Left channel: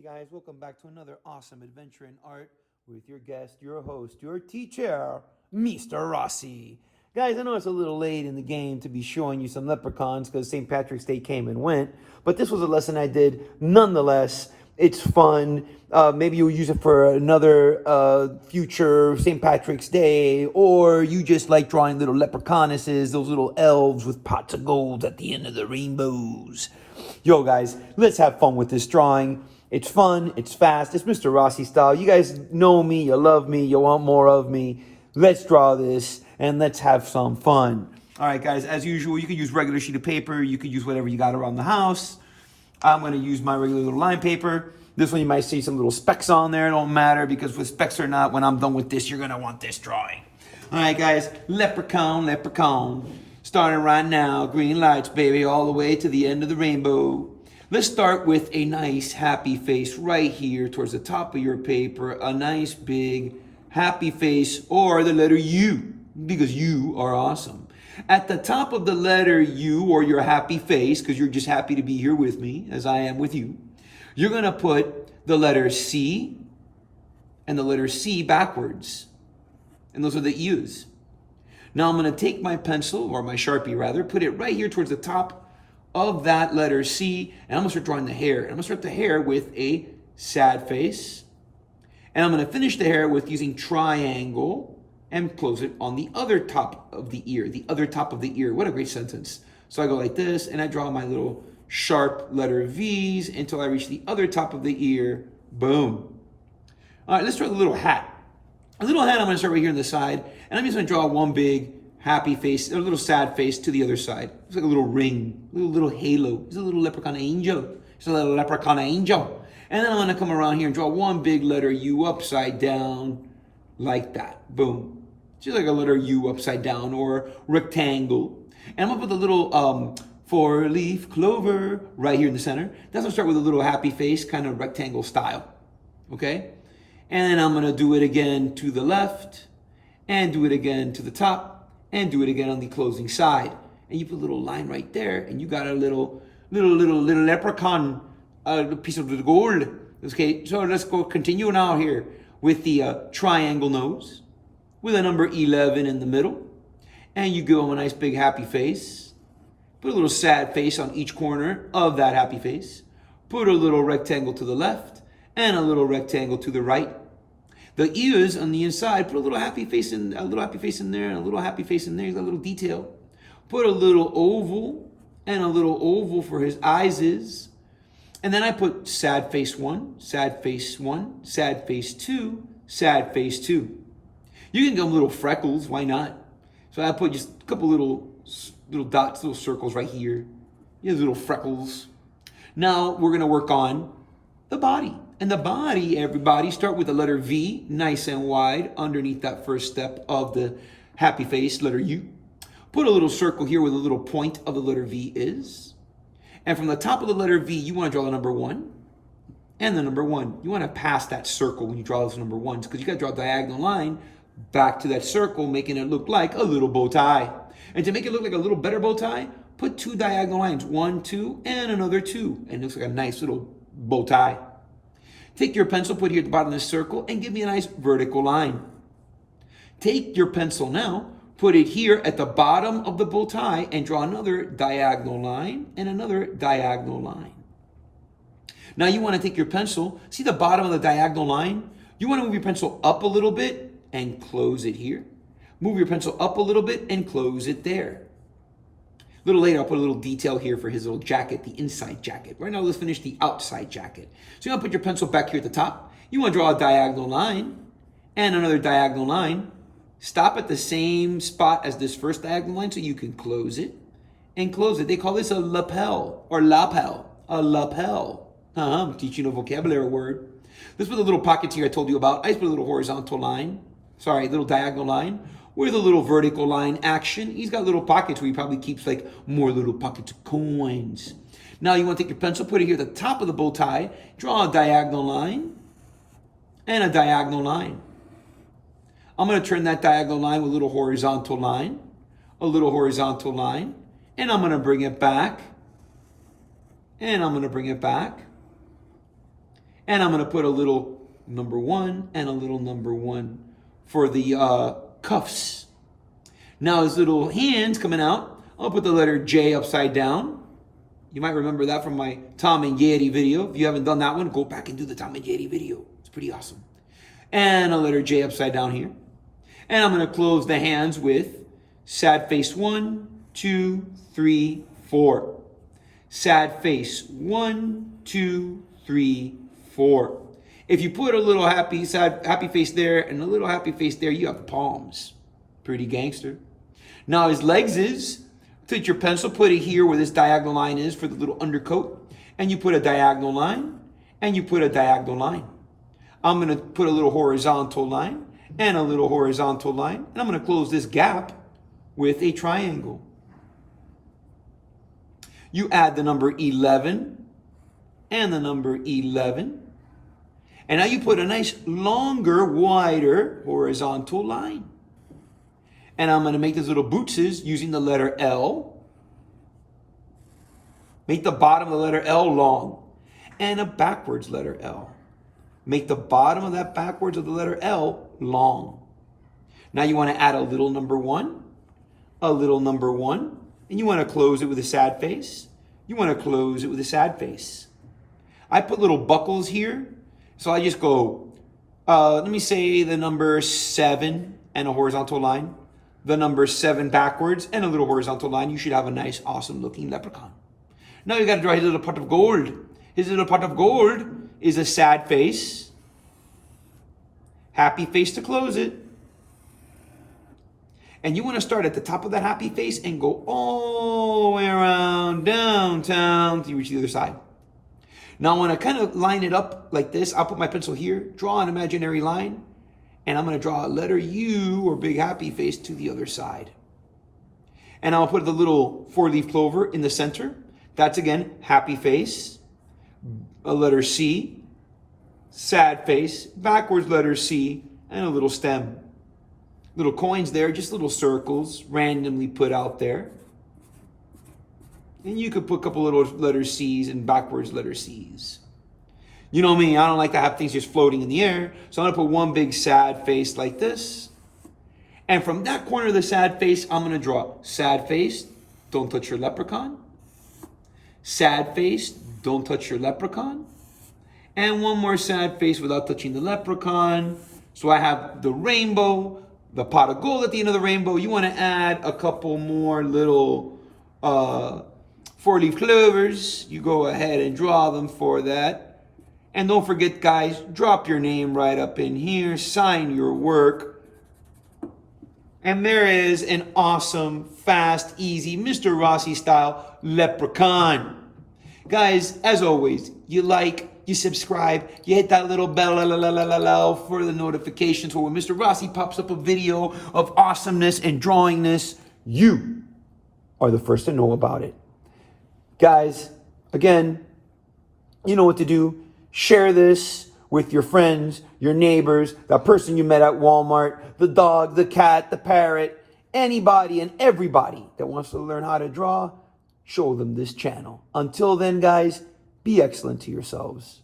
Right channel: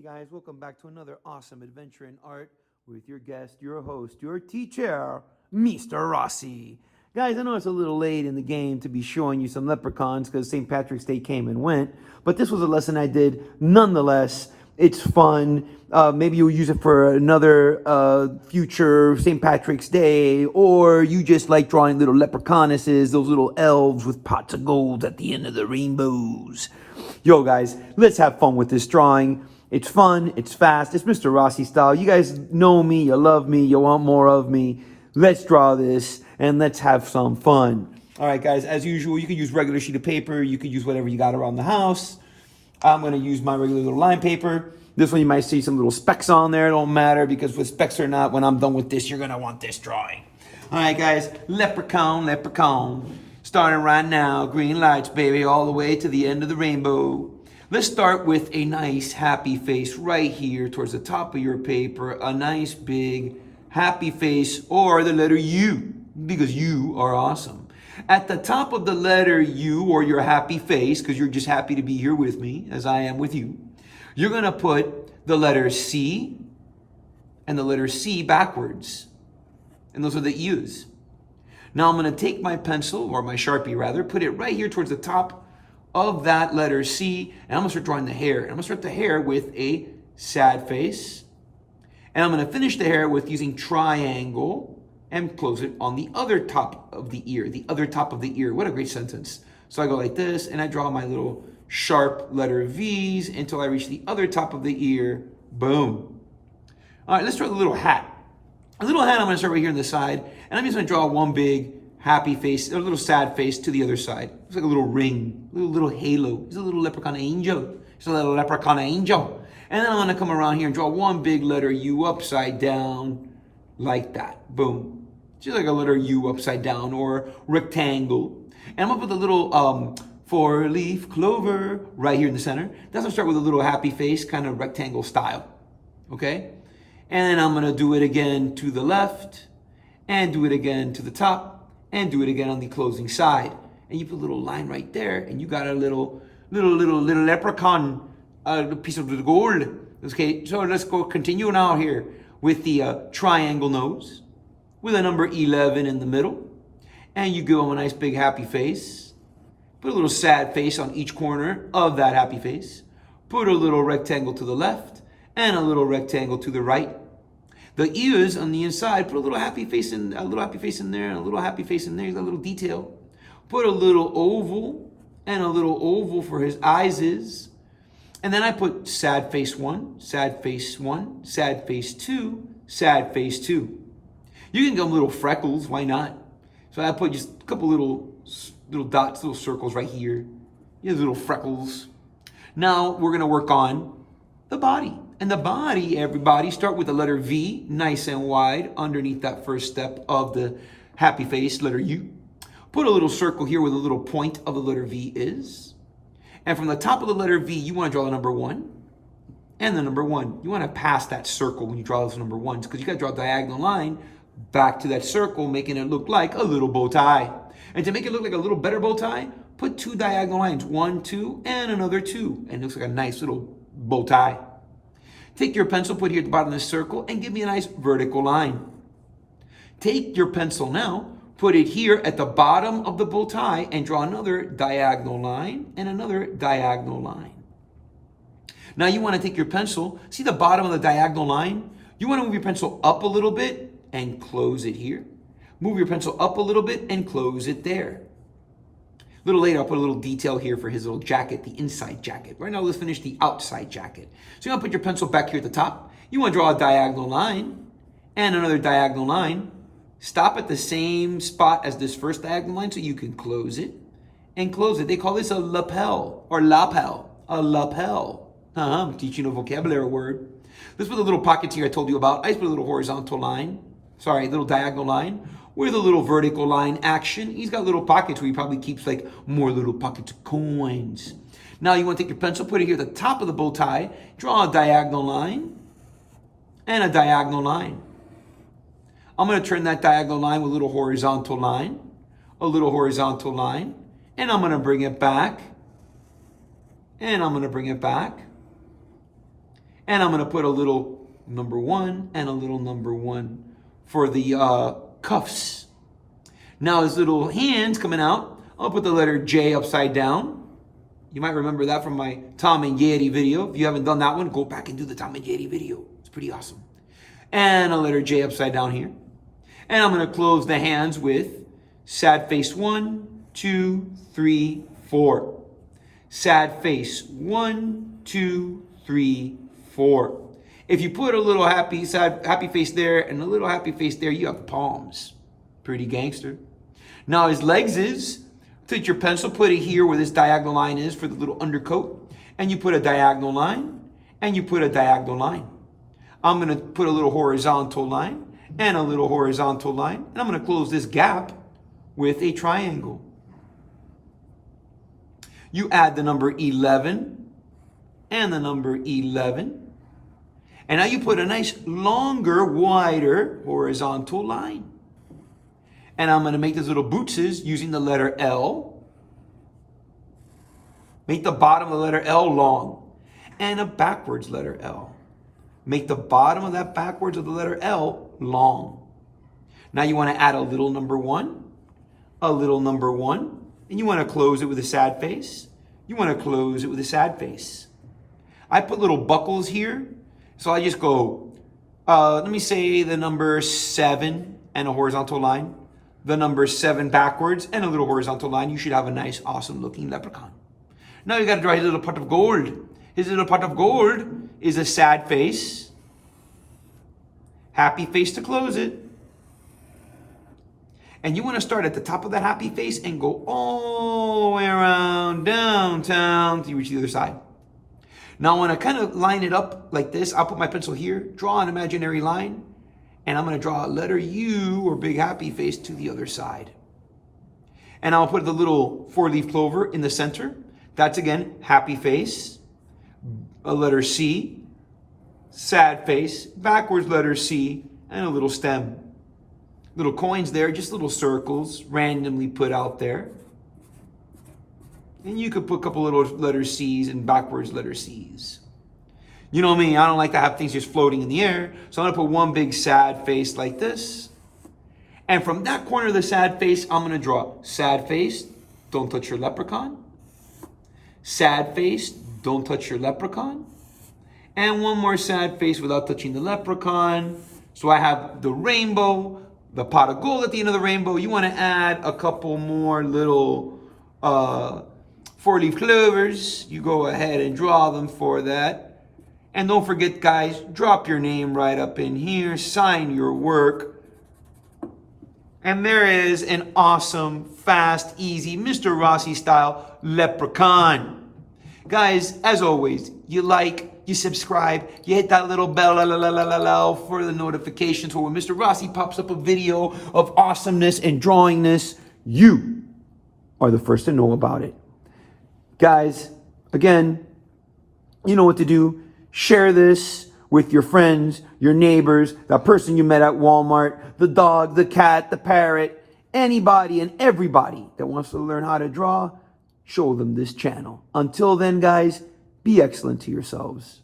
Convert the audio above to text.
Hey guys, welcome back to another awesome adventure in art with your guest, your host, your teacher, Mr. Rossi. Guys, I know it's a little late in the game to be showing you some leprechauns because St. Patrick's Day came and went, but this was a lesson I did nonetheless. It's fun. Maybe you'll use it for another future St. Patrick's Day, or you just like drawing little leprechaunesses, those little elves with pots of gold at the end of the rainbows. Yo, guys, let's have fun with this drawing. It's fun, it's fast, it's Mr. Rossi style. You guys know me, you love me, you want more of me. Let's draw this and let's have some fun. All right, guys, as usual, you can use regular sheet of paper. You could use whatever you got around the house. I'm going to use my regular little line paper. This one you might see some little specks on there. It don't matter because with specks or not, when I'm done with this, you're going to want this drawing. All right, guys, leprechaun, leprechaun. Starting right now, green lights, baby, all the way to the end of the rainbow. Let's start with a nice happy face right here towards the top of your paper. A nice big happy face, or the letter U, because you are awesome. At the top of the letter U, or your happy face, because you're just happy to be here with me, as I am with you, you're going to put the letter C and the letter C backwards. And those are the U's. Now I'm going to take my pencil, or my Sharpie rather, put it right here towards the top of that letter C, and I'm going to start drawing the hair. And I'm going to start the hair with a sad face. And I'm going to finish the hair with using triangle and close it on the other top of the ear. The other top of the ear. What a great sentence. So I go like this, and I draw my little sharp letter V's until I reach the other top of the ear. Boom. All right, let's draw the little hat. A little hat I'm going to start right here on the side, and I'm just going to draw one big happy face, a little sad face to the other side. It's like a little ring, little halo. He's a little leprechaun angel. He's a little leprechaun angel. And then I'm going to come around here and draw one big letter U upside down like that. Boom. Just like a letter U upside down or rectangle. And I'm going to put the little four-leaf clover right here in the center. That's going to start with a little happy face, kind of rectangle style. Okay? And then I'm going to do it again to the left and do it again to the top and do it again on the closing side. And you put a little line right there and you got a little leprechaun piece of the gold. Okay, so let's go continue now here with the triangle nose with a number 11 in the middle. And you give them a nice big happy face. Put a little sad face on each corner of that happy face. Put a little rectangle to the left and a little rectangle to the right. The ears on the inside, put a little happy face in, a little happy face in there, and a little happy face in there. You got a little detail. Put a little oval and a little oval for his eyes is. And then I put sad face 1, sad face 1, sad face 2, sad face 2. You can go little freckles, why not? So I put just a couple little dots, little circles right here. You have little freckles. Now we're going to work on the body. And the body, everybody, start with the letter V, nice and wide, underneath that first step of the happy face, letter U. Put a little circle here where the little point of the letter V is. And from the top of the letter V, you want to draw the number 1 and the number 1. You want to pass that circle when you draw those number 1s because you got to draw a diagonal line back to that circle, making it look like a little bow tie. And to make it look like a little better bow tie, put 2 diagonal lines, 1, 2, and another 2. And it looks like a nice little bow tie. Take your pencil, put it here at the bottom of the circle, and give me a nice vertical line. Take your pencil now, put it here at the bottom of the bow tie, and draw another diagonal line and another diagonal line. Now you want to take your pencil, see the bottom of the diagonal line? You want to move your pencil up a little bit and close it here. Move your pencil up a little bit and close it there. A little later, I'll put a little detail here for his little jacket, the inside jacket. Right now, let's finish the outside jacket. So you're going to put your pencil back here at the top. You want to draw a diagonal line and another diagonal line. Stop at the same spot as this first diagonal line so you can close it and close it. They call this a lapel or lapel, a lapel. I'm teaching a vocabulary word. This was the little pockets here I told you about. I just put a little horizontal line, a little diagonal line with a little vertical line action. He's got little pockets where he probably keeps like more little pockets of coins. Now you want to take your pencil, put it here at the top of the bow tie, draw a diagonal line and a diagonal line. I'm going to turn that diagonal line with a little horizontal line, a little horizontal line, and I'm going to bring it back, and I'm going to bring it back, And I'm going to put a little number 1 and a little number 1 for the cuffs. Now his little hands coming out, I'll put the letter J upside down. You might remember that from my Tom and Jerry video. If you haven't done that one, go back and do the Tom and Jerry video. It's pretty awesome. And a letter J upside down here. And I'm going to close the hands with sad face 1, 2, 3, 4. Sad face 1, 2, 3, 4. If you put a little happy face there and a little happy face there, you have the palms. Pretty gangster. Now his legs is, take your pencil, put it here where this diagonal line is for the little undercoat, and you put a diagonal line, and you put a diagonal line. I'm going to put a little horizontal line, and a little horizontal line, and I'm going to close this gap with a triangle. You add the number 11 and the number 11. And now you put a nice longer, wider horizontal line. And I'm going to make these little bootses using the letter L. Make the bottom of the letter L long. And a backwards letter L. Make the bottom of that backwards of the letter L long. Now you want to add a little number 1, a little number 1. And you want to close it with a sad face. You want to close it with a sad face. I put little buckles here. So I just go, let me say the number 7 and a horizontal line. The number 7 backwards and a little horizontal line. You should have a nice, awesome looking leprechaun. Now you got to draw his little pot of gold. His little pot of gold is a sad face. Happy face to close it. And you want to start at the top of that happy face and go all the way around downtown to reach the other side. Now I want to kind of line it up like this. I'll put my pencil here, draw an imaginary line, and I'm going to draw a letter U or big happy face to the other side. And I'll put the little 4-leaf clover in the center. That's again, happy face, a letter C, sad face, backwards letter C, and a little stem. Little coins there, just little circles randomly put out there. And you could put a couple little letter C's and backwards letter C's. You know me, I don't like to have things just floating in the air. So I'm going to put one big sad face like this. And from that corner of the sad face, I'm going to draw sad face, don't touch your leprechaun. Sad face, don't touch your leprechaun. And one more sad face without touching the leprechaun. So I have the rainbow, the pot of gold at the end of the rainbow. You want to add a couple more little 4-leaf clovers. You go ahead and draw them for that. And don't forget, guys, drop your name right up in here. Sign your work. And there is an awesome, fast, easy, Mr. Rossi style leprechaun. Guys, as always, you like, you subscribe, you hit that little bell for the notifications. So when Mr. Rossi pops up a video of awesomeness and drawingness, you are the first to know about it. Guys, again, you know what to do. Share this with your friends, your neighbors, that person you met at Walmart, the dog, the cat, the parrot, anybody and everybody that wants to learn how to draw, show them this channel. Until then, guys, be excellent to yourselves.